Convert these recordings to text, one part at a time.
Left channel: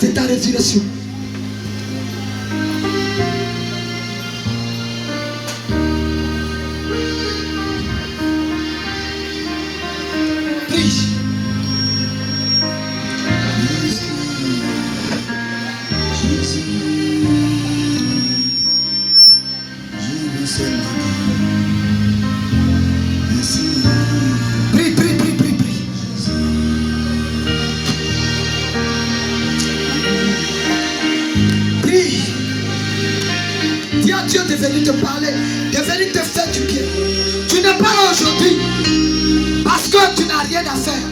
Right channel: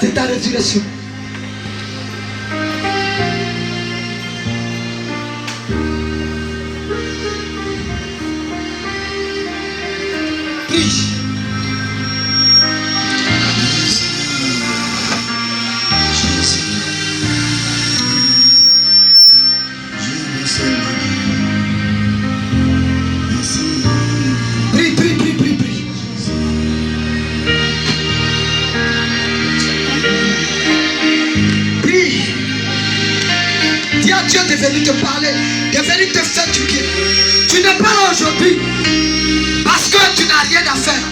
C'est ta résurrection. Prie. Prie, prie, prie, prie, prie. Prie. Dis à Dieu de venir te parler, de venir te faire du bien. Tu n'es pas là aujourd'hui parce que tu n'as rien à faire.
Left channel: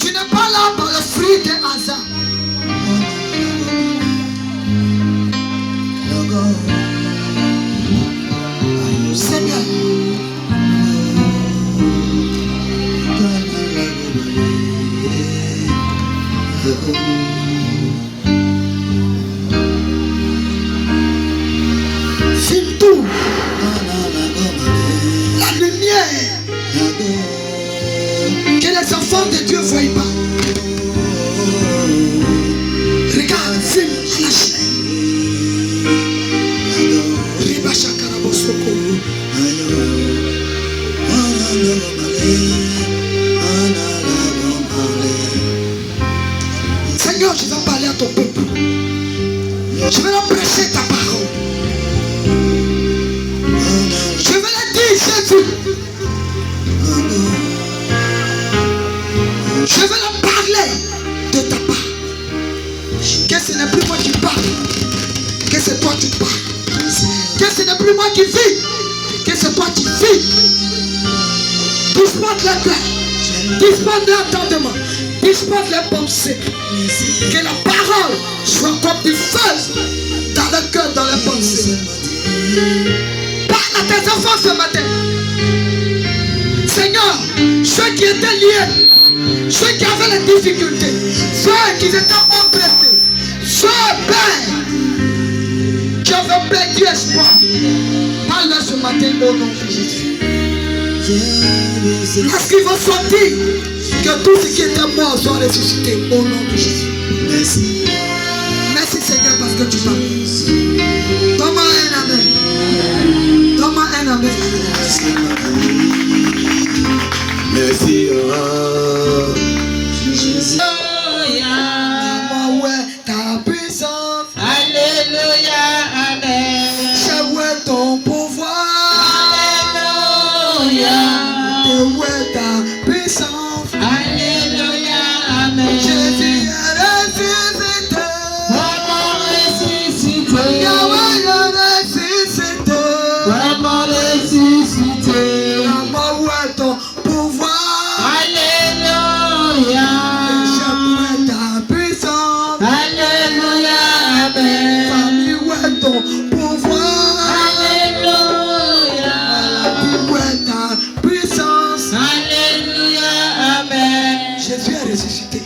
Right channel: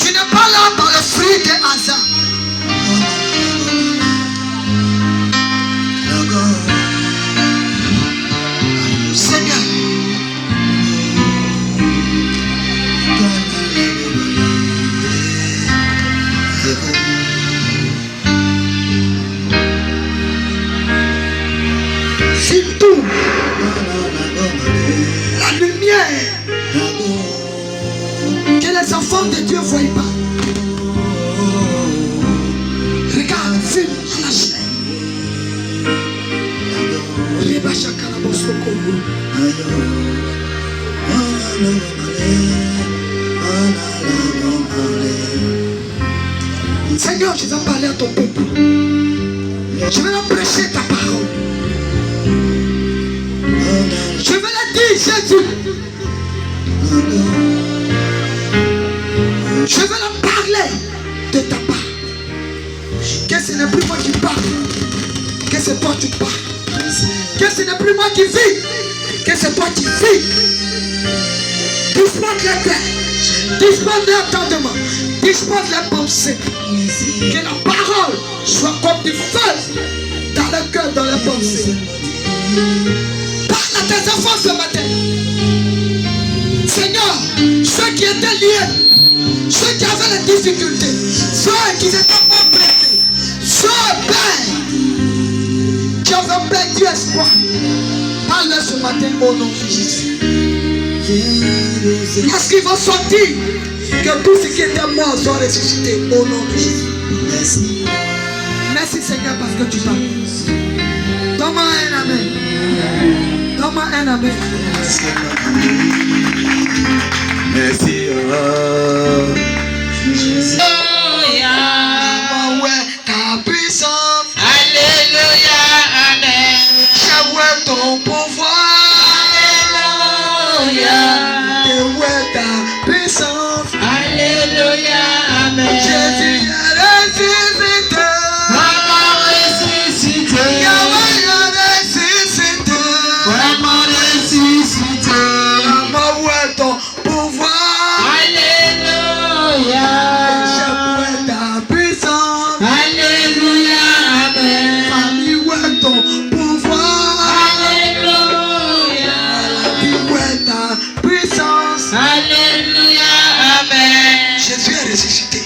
Tu n'es pas là par le fruit des hasards. Seigneur, filme tout. La lumière que les enfants de Dieu ne voient pas. Regarde, filme la chair. Seigneur, je vais parler à ton peuple. Je vais leur prêcher ta parole. Je vais leur dire Jésus. Je vais leur parler de ta part. Que ce n'est plus moi qui parle, que c'est toi qui parles. Que ce n'est plus moi qui vis, que c'est toi qui vis. Dispose les cœurs, dispose les entendements, dispose les pensées. Que la parole soit comme du feu dans le cœur, dans les pensées. Parle à tes enfants ce matin. Seigneur, ceux qui étaient liés, ceux qui avaient les difficultés, ceux qui étaient oppressés, ceux qui avaient perdu espoir, parle ce matin au nom de Jésus. Lorsqu'ils vont sortir, que tout ce qui était mort soit ressuscité au nom de Jésus. Merci. Merci Seigneur parce que tu parles. Donne-moi un amen. Donne-moi un amen. Merci. Ta puissance. Alléluia, amen. Je ton pouvoir. Alléluia. Ta puissance. Alléluia, amen. Jésus est ressuscité. Vraiment ressuscité. Yahweh est ressuscité. Vraiment ressuscité. Maman, où est ton pouvoir? Alléluia. Je ta puissance. Alléluia, amen. Famille, où est ton pouvoir? Alléluia. Où est ta puissance? Alléluia, amen. Jésus est ressuscité.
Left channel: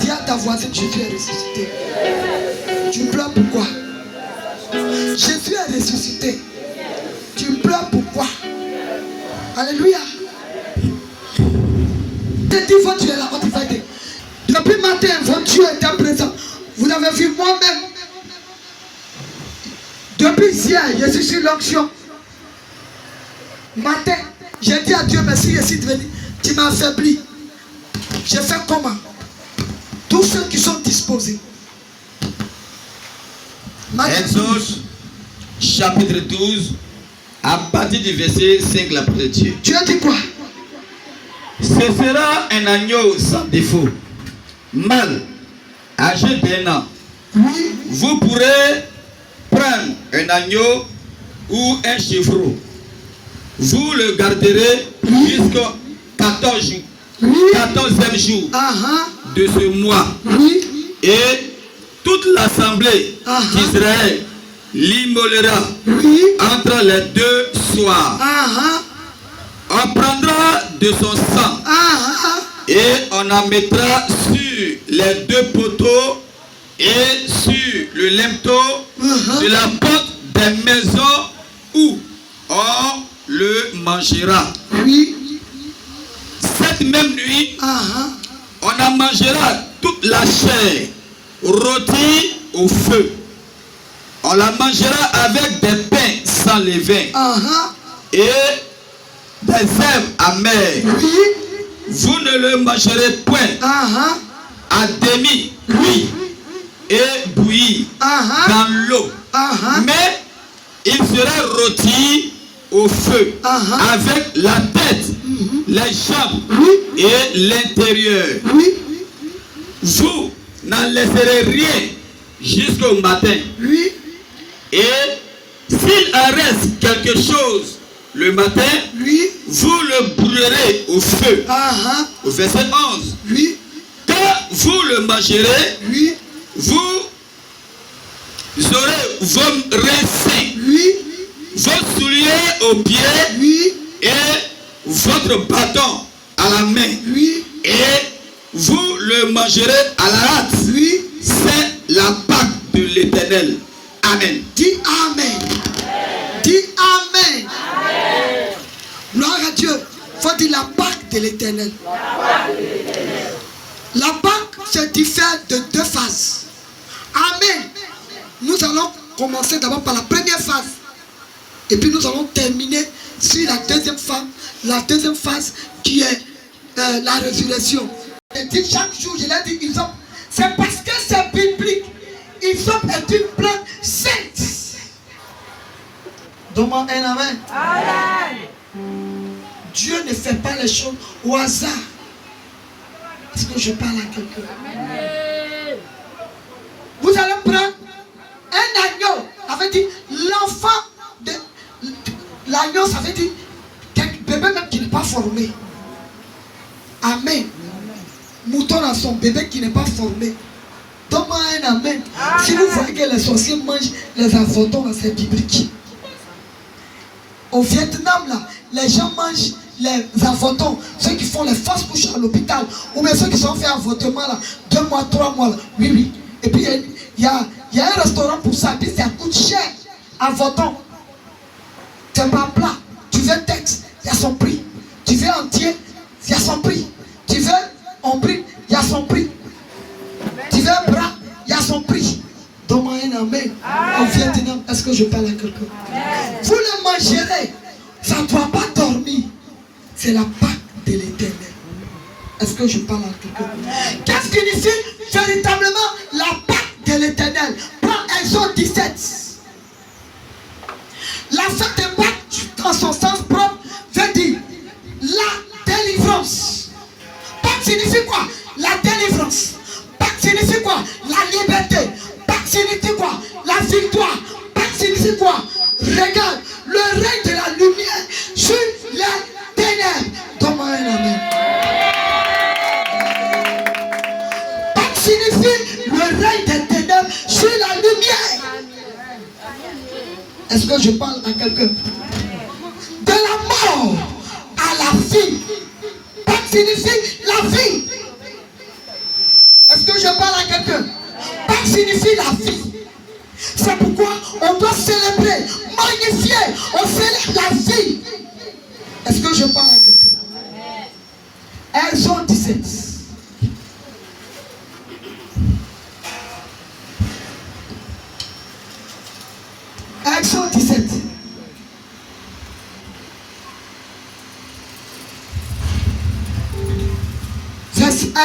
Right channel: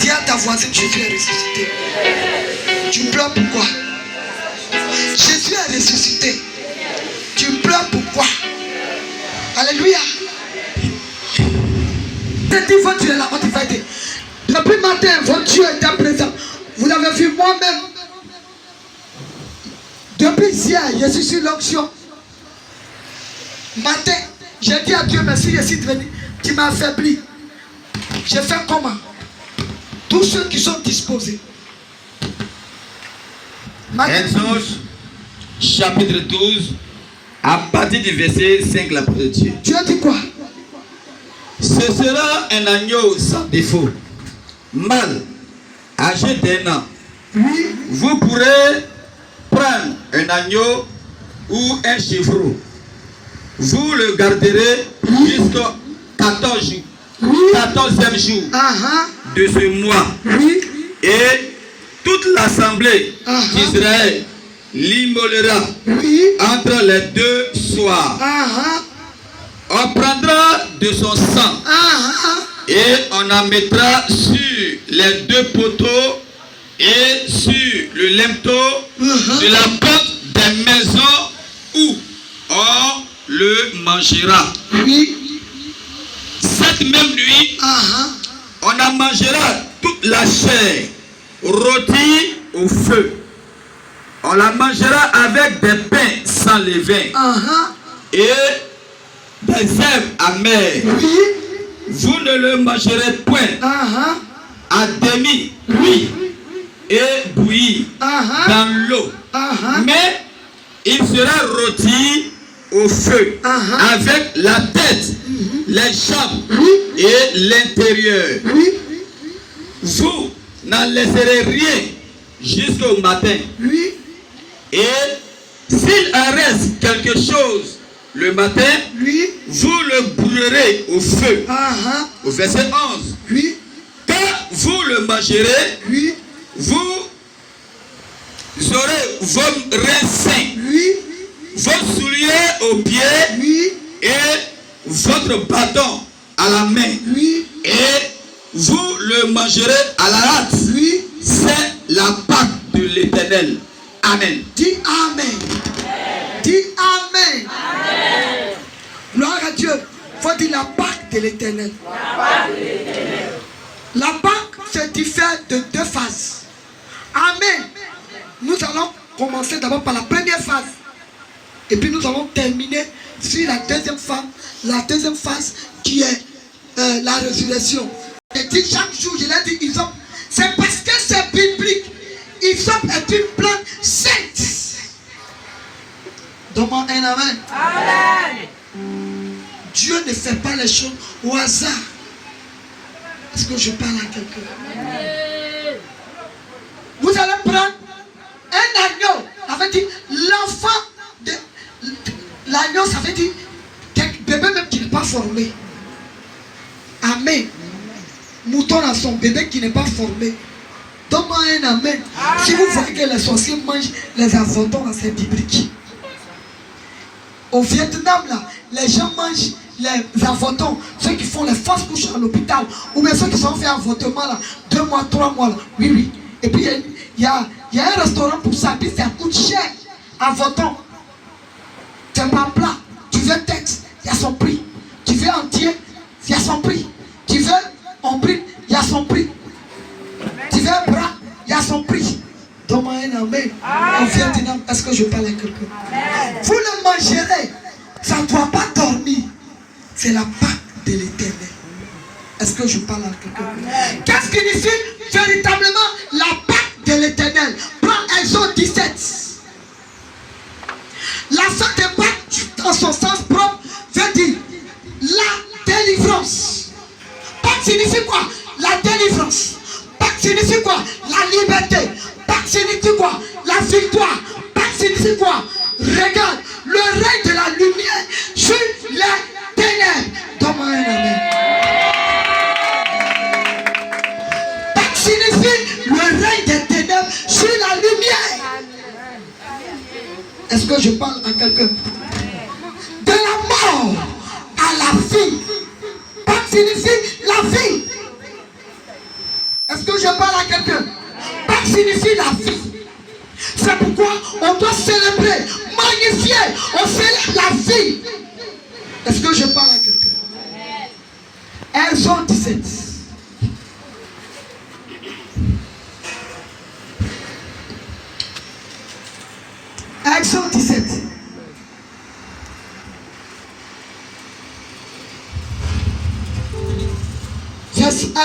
Dis à ta voisine, Jésus est ressuscité. Tu pleures pourquoi? Jésus est ressuscité. Tu pleures pourquoi? Alléluia. Votre Dieu est là, votre Dieu. Depuis matin, votre Dieu était présent. Vous l'avez vu moi-même. Depuis hier, je suis sur l'onction. Matin, j'ai dit à Dieu, merci, je suis venu. Tu m'as affaibli. Je fais comment? Tous ceux qui sont disposés. Exode chapitre 12, à partir du verset 5, la parole de Dieu. Tu as dit quoi? Ce sera un agneau sans défaut, mâle, âgé d'1 an. Oui. Vous pourrez prendre un agneau ou un chevreau. Vous le garderez jusqu'au 14e jour de ce mois. Oui. Et toute l'assemblée d'Israël l'immolera entre les deux soirs. On prendra de son sang et on en mettra sur les deux poteaux et sur le linteau de la porte des maisons où on le mangera. cette même nuit, on en mangera toute la chair rôtie au feu. On la mangera avec des pains sans levain et des herbes amères. Vous ne le mangerez point à demi cuit et bouilli dans l'eau, mais il sera rôti au feu avec la tête, les jambes et l'intérieur. Vous n'en laisserez rien jusqu'au matin. Et s'il en reste quelque chose le matin, vous le brûlerez au feu. Au verset 11. Quand vous le mangerez, vous aurez vos reins sains, vos souliers aux pieds et votre bâton à la main. Et vous le mangerez à la hâte. C'est la Pâque de l'Éternel. Amen. Dis Amen. Dis Amen. Gloire à Dieu. Il faut dire la Pâque de l'Éternel. La Pâque se diffère de deux phases. Amen. Nous allons commencer d'abord par la première phase. Et puis nous allons terminer sur la deuxième phase. La deuxième phase qui est la résurrection. Et dit chaque jour, je l'ai dit, c'est parce que c'est biblique. Hysope est une plante sainte. Donne-moi un amen. Dieu ne fait pas les choses au hasard. Est-ce que je parle à quelqu'un? Vous allez prendre un agneau. Ça veut dire l'enfant de l'agneau, ça veut dire bébé même qui n'est pas formé. Amen. Mouton à son bébé qui n'est pas formé. Donne-moi un amen. Si vous voyez que les sorciers mangent les avortons, c'est biblique. Au Vietnam, là, les gens mangent les avortons. Ceux qui font les fausses couches à l'hôpital, ou bien ceux qui sont fait avortement, là, 2 mois, 3 mois. Là. Oui. Et puis, il y a un restaurant pour ça. Puis, ça coûte cher. Avorton. C'est pas plat. Tu veux tête, il y a son prix. Tu veux entier, il y a son prix. Tu veux ombrine, il y a son prix. Tu veux un bras, il y a son prix. Donne-moi un amen. Au Vietnam, est-ce que je parle à quelqu'un? Vous le mangerez. Ça ne doit pas dormir. C'est la Pâque de l'Éternel. Est-ce que je parle à quelqu'un? Qu'est-ce qui signifie véritablement la Pâque de l'Éternel? Prends Exode 17. La fête de Pâque, dans son sens propre, veut dire la délivrance. Pâque signifie quoi? La délivrance. Pâque signifie quoi? La liberté. Pâque signifie quoi? La victoire. Pâque signifie quoi? Regarde, le règne de la lumière sur les ténèbres. Donne-moi un amen. Pâque signifie le règne des ténèbres sur la lumière. Est-ce que je parle à quelqu'un? De la mort à la vie. Pâque signifie la vie. Est-ce que je parle à quelqu'un? Pâque signifie la vie. C'est pourquoi on doit célébrer, magnifier, on célèbre la vie. Est-ce que je parle à quelqu'un? Exode 17. Exode 17.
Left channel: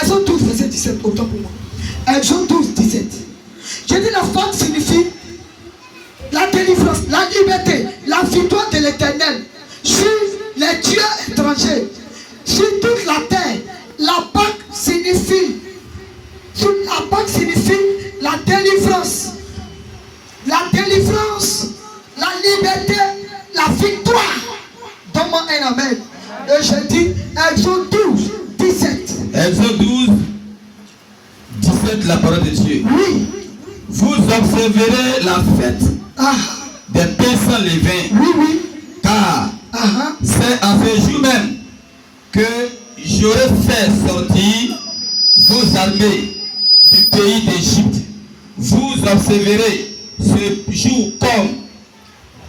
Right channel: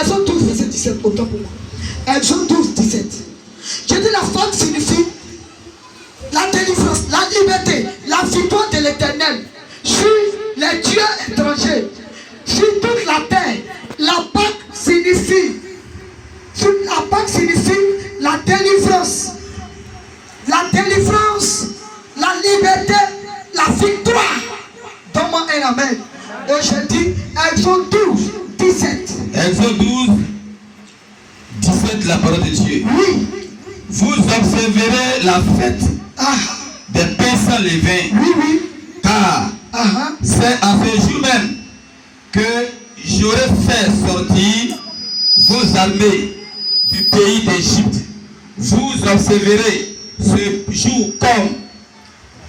Exode 12, verset 17, autant pour moi. Exode 12, 17. J'ai dit la fête signifie la délivrance, la liberté, la victoire de l'Éternel sur les dieux étrangers, sur toute la terre. La Pâque signifie la délivrance. La délivrance, la liberté, la victoire. Donne-moi un amen. Et je dis Exode 12, 17. Exode 12, 17, la parole de Dieu. Oui. Vous observerez la fête des pains sans levain. Oui. Car c'est à ce jour même que j'aurai fait sortir vos armées du pays d'Égypte. Vous observerez ce jour comme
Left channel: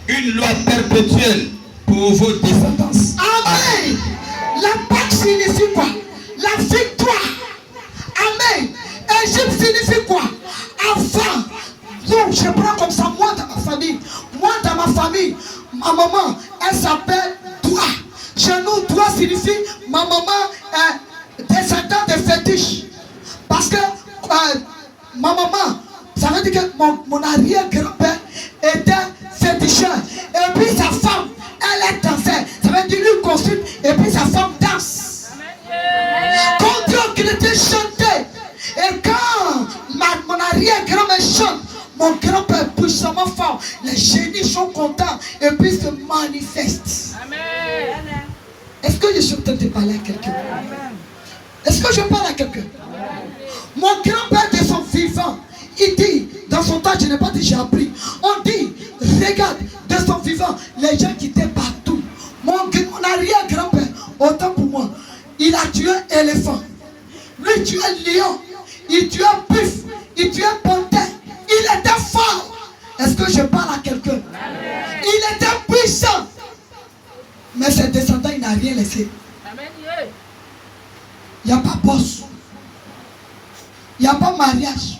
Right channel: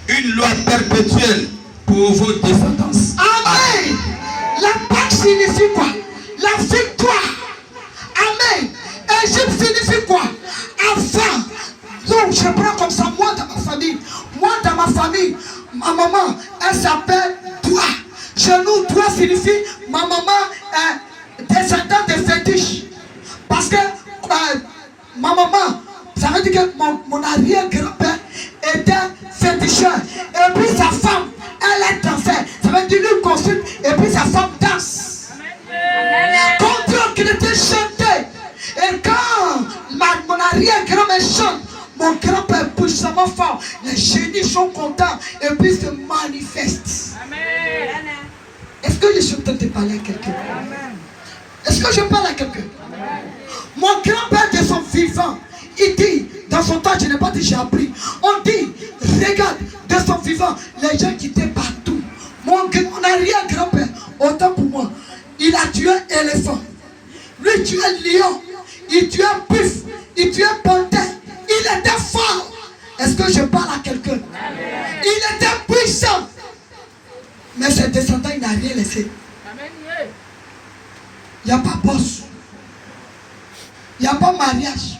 une loi perpétuelle pour vos descendants. Amen. La Pâque signifie quoi? La victoire. Amen. Égypte signifie quoi? Enfin. Donc je prends comme ça, moi dans ma famille. Moi dans ma famille, ma maman, elle s'appelle Doua. Chez nous, Doua signifie ma maman est descendante de fétiche. Parce que ma maman, ça veut dire que mon arrière-grand-père était féticheur. Et puis sa femme, elle est danseuse. Ça veut dire lui consulte et puis sa femme danse. Quand Dieu chrétien chantait, et quand mon arrière-grand-mère chante, mon grand-père est puissamment fort. Les génies sont contents et puis se manifestent. Est-ce que je suis en train de parler à quelqu'un? Est-ce que je parle à quelqu'un? Mon grand-père de son vivant, il dit, dans son temps, je n'ai pas dit j'ai appris. On dit, regarde, de son vivant, les gens qui étaient partout. Mon arrière-grand-père, autant pour moi, il a tué un éléphant. Lui, il tuait un lion. Il tuait un buffle. Il tuait un panthère. Il était fort. Est-ce que je parle à quelqu'un? Il était puissant. Mais ses descendants, il n'a rien laissé. Il n'y a pas boss. Il n'y a pas mariage.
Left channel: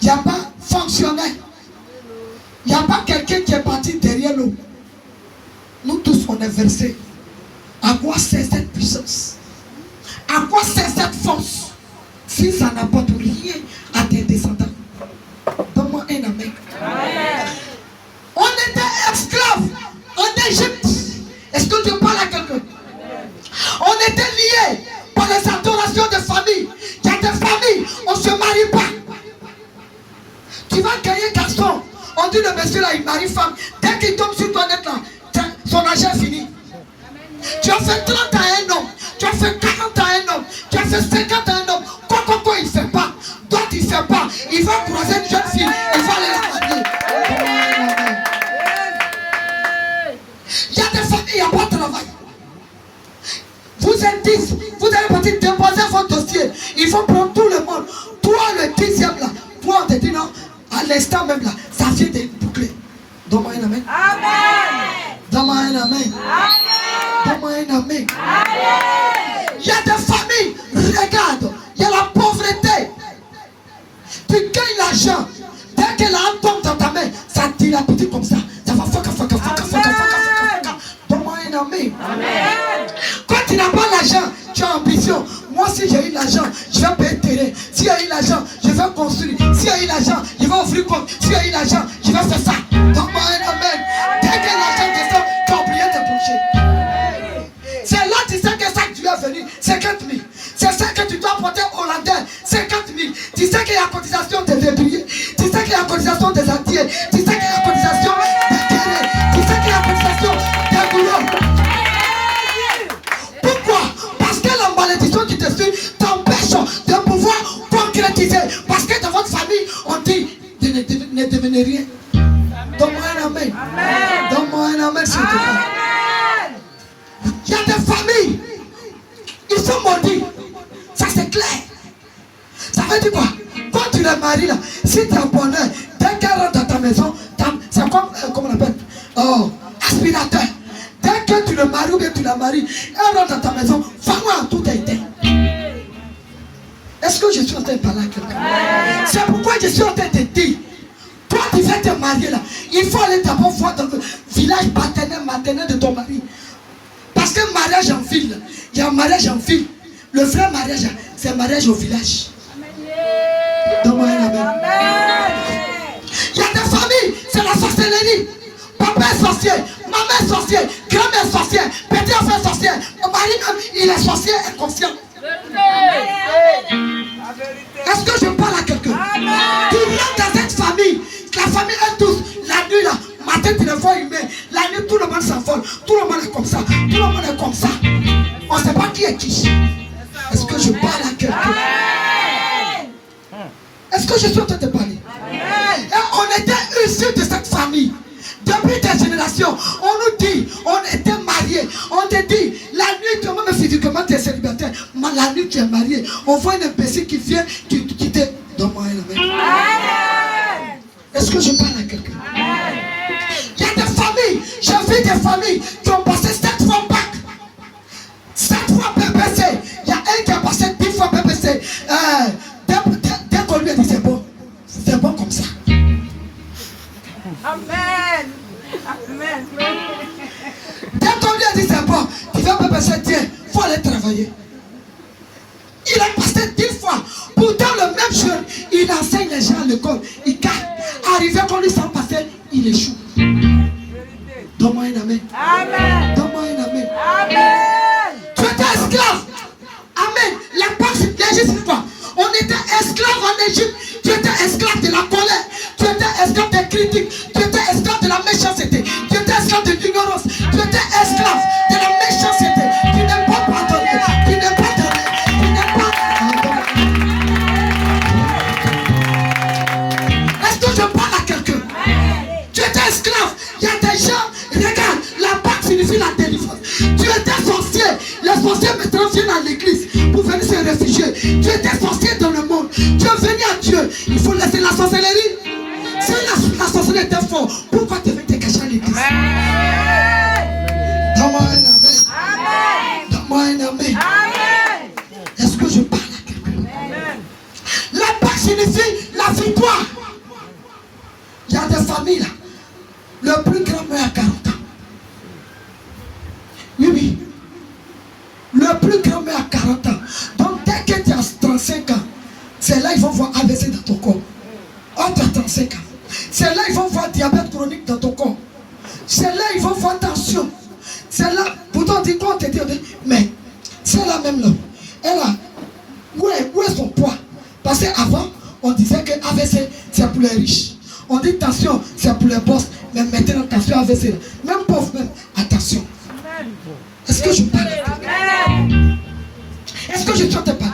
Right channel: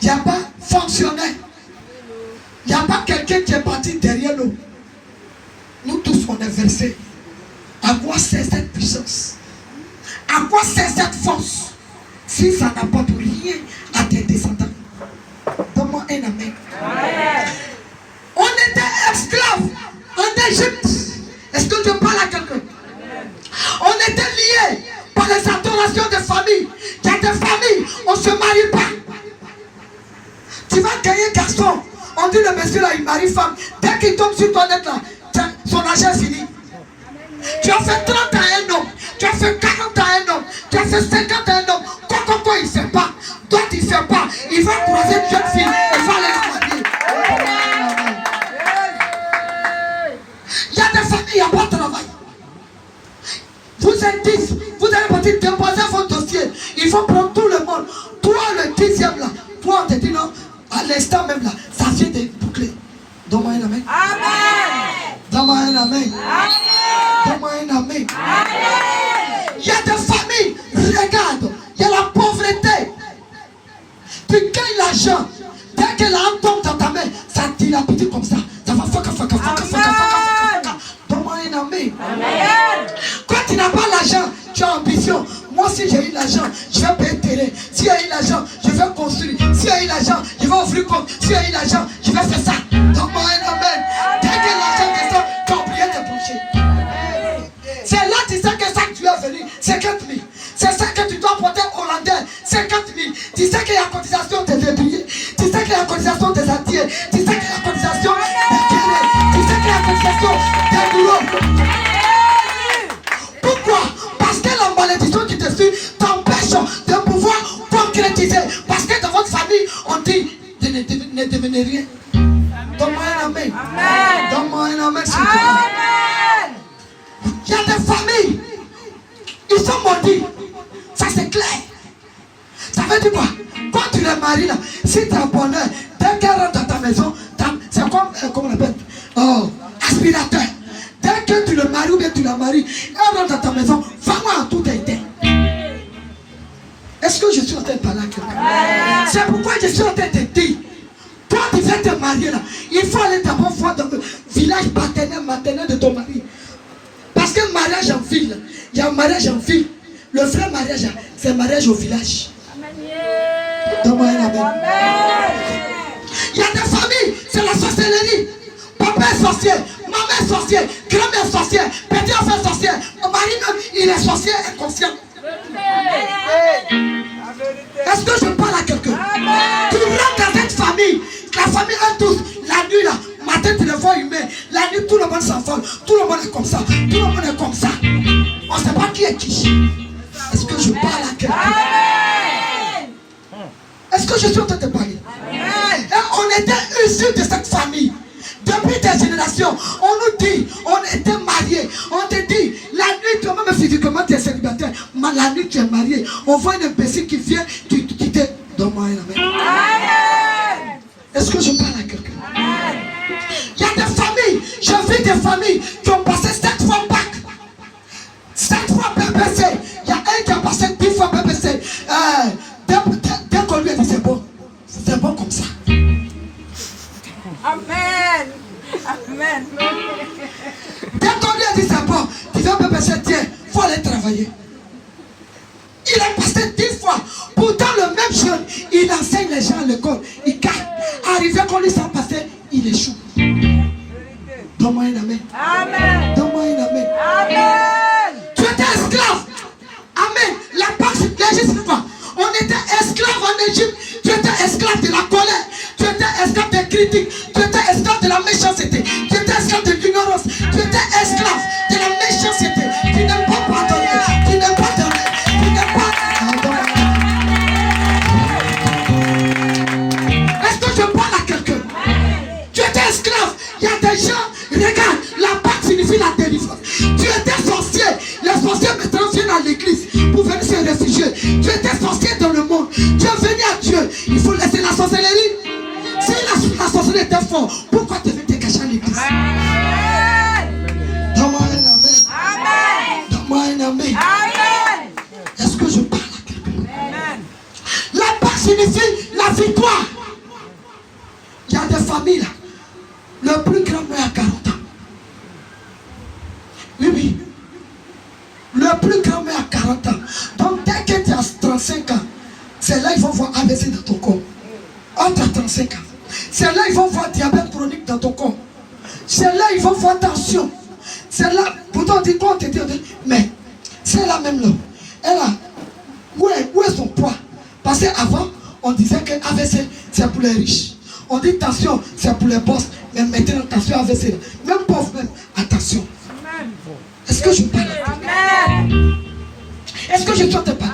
Il n'y a pas fonctionnaire. Il n'y a pas quelqu'un qui est parti derrière nous. Nous tous, on est versés. À quoi sert cette puissance? À quoi sert cette force? Si ça n'apporte rien à tes descendants. Donne-moi un amen. On était esclaves en Égypte. Est-ce que tu parles à quelqu'un? On était liés par les adorations de famille. Il y a des familles, on ne se marie pas. Tu vas gagner garçon. On dit le monsieur là, il marie femme. Dès qu'il tombe sur toi net là, son argent est fini. Tu as fait 30 ans à un homme. Tu as fait 40 ans à un homme. Tu as fait 50 ans à un homme. Quoi, il ne fait pas. D'autres, il ne fait pas. Il va croiser une jeune fille. Il va aller la marier. Il y a des familles, il n'y a pas de travail. Vous êtes 10. Vous allez partir déposer votre dossier. Il faut prendre tout le monde. Toi, le 10e là. Toi, on te dit non. À l'instant même là, ça vient de boucler. Donne-moi un amen. Donne-moi un amen. Donne-moi un amen. Il y a des familles, regarde, il y a la pauvreté. Tu gagnes l'argent. Dès que l'argent tombe dans ta main, ça dilapide comme ça. Ça va faka. Donne-moi un amen. Quand tu n'as pas l'argent, tu as ambition. Moi, si j'ai eu l'argent, je vais payer terrain. Si j'ai eu l'argent, je vais construire. Si j'ai eu l'argent, je vais ouvrir compte. Si j'ai eu l'argent, je vais faire ça. Donne-moi un amen. Dès que l'argent descend, tu as oublié tes projets. C'est là que tu sais que ça que tu es venu, 50 000. C'est ça que tu dois porter au Hollandais, 50 000. Tu sais qu'il y a cotisation des débrouillés. Tu sais qu'il y a cotisation des attiers. Tu sais qu'il y a cotisation des guerriers. Tu sais qu'il y a cotisation des boulots. Pourquoi? Parce que la malédiction qui te suit t'empêche de pouvoir concrétiser. Parce que dans votre famille, on dit ne devenez rien. Donne-moi un amen. Donne-moi un amen, s'il te plaît. Il y a des familles, ils sont maudits. Ça c'est clair. Ça veut dire quoi? Quand tu les maries là, si tu es en bonheur, dès qu'elle rentre dans ta maison, c'est comme, comment on appelle? Oh, aspirateur. Dès que tu le maries ou bien tu la maries, elle rentre dans ta maison, vraiment tout est éteint. Est-ce que je suis en train de parler à quelqu'un? C'est pourquoi je suis en train de te dire, toi tu viens te marier là, il faut aller d'abord voir dans le village paternel, maternel de ton mari. Parce que mariage en ville, il y a un mariage en ville. Le vrai mariage, c'est mariage au village. Donne-moi un amen. Il y a des familles, c'est la sorcellerie. Papa est sorcier, maman est sorcier, grand-mère est sorcier, petit enfant est sorcier. Mon mari même, il est sorcier inconscient. Est-ce que je parle à quelqu'un? Tu rentres dans cette famille, la famille est tous, la nuit là, matin tu le vois humain, la nuit tout le monde s'envole, tout le monde est comme ça, tout le monde est comme ça. On ne sait pas qui est qui. Est-ce que je parle à quelqu'un? Est-ce que je suis en train de parler? Et on était issus de cette famille. Depuis des générations, on nous dit, on était mariés. On te dit, la nuit, toi même physiquement tu es célibataire, mais la nuit tu es marié. On voit une imbécile qui vient, qui te... Donne-moi un amen. Est-ce que je parle à quelqu'un? Il y a des familles, j'ai vu des familles qui ont passé 7 fois Pâques. l'école, il gagne. Arrivé quand il s'en passait, il échoue. Donne-moi un amen. Amen. Donne-moi un amen. Amen. Tu étais esclave. Amen. La Pâque, l'Égypte, c'est quoi? On était esclave en Égypte. Tu étais esclave de la colère. Tu étais esclave des critiques. Tu étais esclave de la méchanceté. Tu étais esclave de l'ignorance. Tu étais esclave de la méchanceté. Tu n'aimes pas pardonner. Tu n'aimes pas donner. Tu n'aimes pas. Est-ce que je parle à quelqu'un? Tu étais esclave. Il y a des gens, regarde, la Pâque signifie la délivrance. Tu étais sorcier. Les sorciers maintenant viennent à l'église pour venir se réfugier. Tu étais sorcier dans le monde. Tu es venu à Dieu. Il faut laisser la sorcellerie. Si la sorcellerie était forte, pourquoi tu veux te cacher à l'église? Donne-moi un amen. Donne-moi un amen. Est-ce que je parle à quelqu'un? La Pâque signifie la victoire. Il y a des familles là. Le plus grand meurt à 40 ans. Oui. Le plus grand meurt à 40 ans. Donc dès que tu as 35 ans, c'est là qu'ils vont voir AVC dans ton corps. Entre 35 ans. C'est là qu'ils vont voir diabète chronique dans ton corps. C'est là qu'ils vont voir tension. C'est là, pourtant on dit quoi, on te dit, mais c'est la même là. Elle a, où est son poids? Parce qu'avant, on disait que AVC, c'est pour les riches. On dit tension, c'est pour les boss. Mais maintenant, attention AVC. Même pauvre, même, attention. Est-ce que je parle? Est-ce que je chante pas?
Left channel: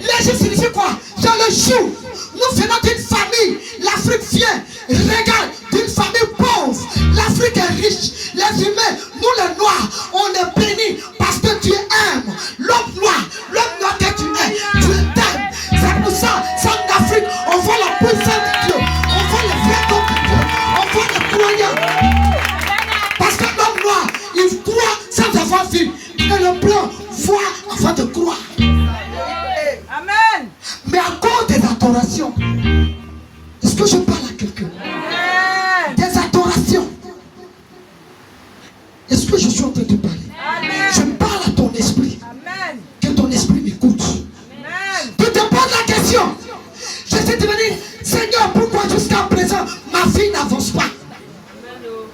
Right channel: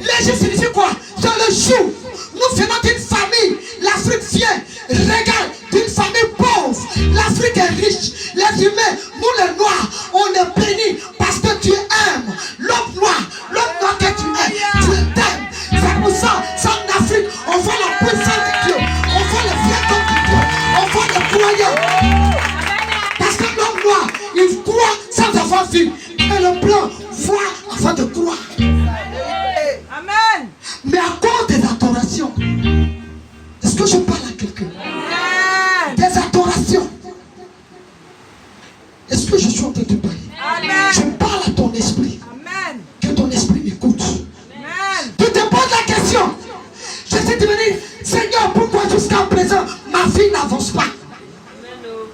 L'Égypte signifie quoi? C'est le jour. Nous venons d'une famille. L'Afrique vient. Regarde, d'une famille pauvre. L'Afrique est riche. Les humains, nous les noirs, on est bénis parce que tu aimes. L'homme noir que tu aimes, tu t'aimes. C'est pour ça, en Afrique, on voit la puissance de Dieu. On voit le vrai don de Dieu. On voit les croyants. Parce que l'homme noir, il croit sans avoir vu. Et le blanc voit avant de croire. Amen. Mais à cause des adorations, est-ce que je parle à quelqu'un? Des adorations. Est-ce que je suis en train de parler? Je parle à ton esprit. Que ton esprit m'écoute. Tu te poses la question. Je sais te dire, Seigneur, pourquoi jusqu'à présent ma vie n'avance pas?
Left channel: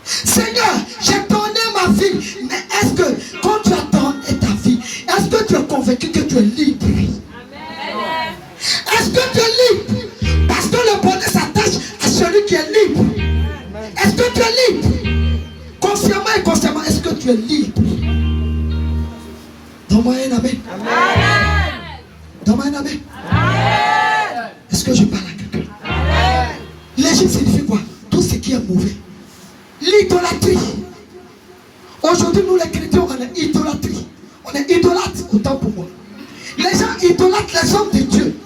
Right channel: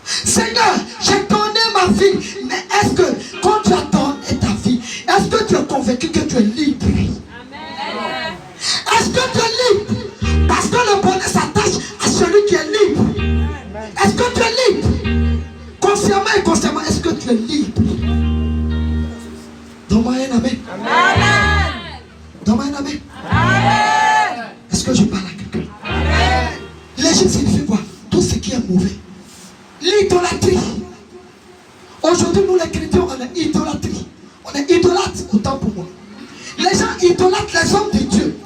Seigneur, j'ai donné ma vie, mais est-ce que quand tu as donné ta vie, est-ce que tu es convaincu que tu es libre? Est-ce que tu es libre? Parce que le bonheur s'attache à celui qui est libre. Est-ce que tu es libre? Consciemment et consciemment, est-ce que tu es libre? Donne-moi un amen. Donne-moi un amen. Est-ce que je parle à quelqu'un? L'Égypte signifie quoi? Tout ce qui est mauvais. L'idolâtrie. Aujourd'hui, nous les chrétiens, on est idolâtrie. On est idolâtre, autant pour moi. Les gens idolâtrent les hommes de Dieu.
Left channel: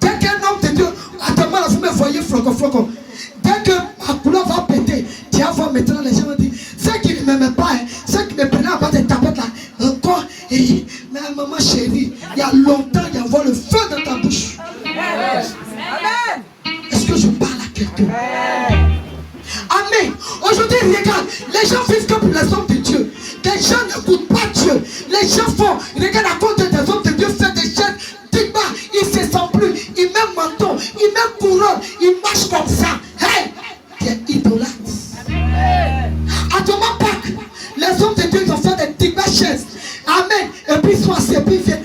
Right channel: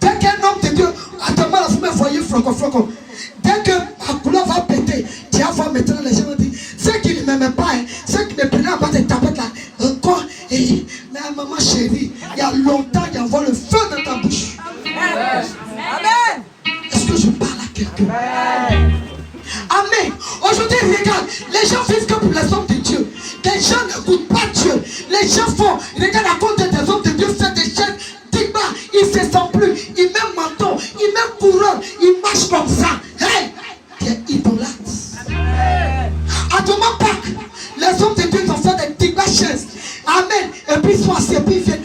Dès qu'un homme de Dieu, attends-moi là, vous me voyez floco. Dès que ma couleur va péter, tu vas voir maintenant les gens vont dire, ceux qui ne m'aimaient pas, ceux qui me prenaient à bas des tapettes là, encore, et, mais maman chérie, il y a longtemps, il y a avoir le feu dans ta bouche. Amen. Est-ce que je parle à quelqu'un? Amen. Aujourd'hui, regarde, les gens vivent que pour les hommes de Dieu. Les gens n'écoutent pas Dieu. Les gens font, regarde à cause des hommes de Dieu, fait des chaînes, digma, ils ne se sentent plus, ils mettent manteau, ils mettent couronne, ils marchent comme ça. Hey, tu es idolâtre. À ton Pâques, les hommes de Dieu ont fait des digma chaises. Amen. Et puis ils sont assis, et puis ils viennent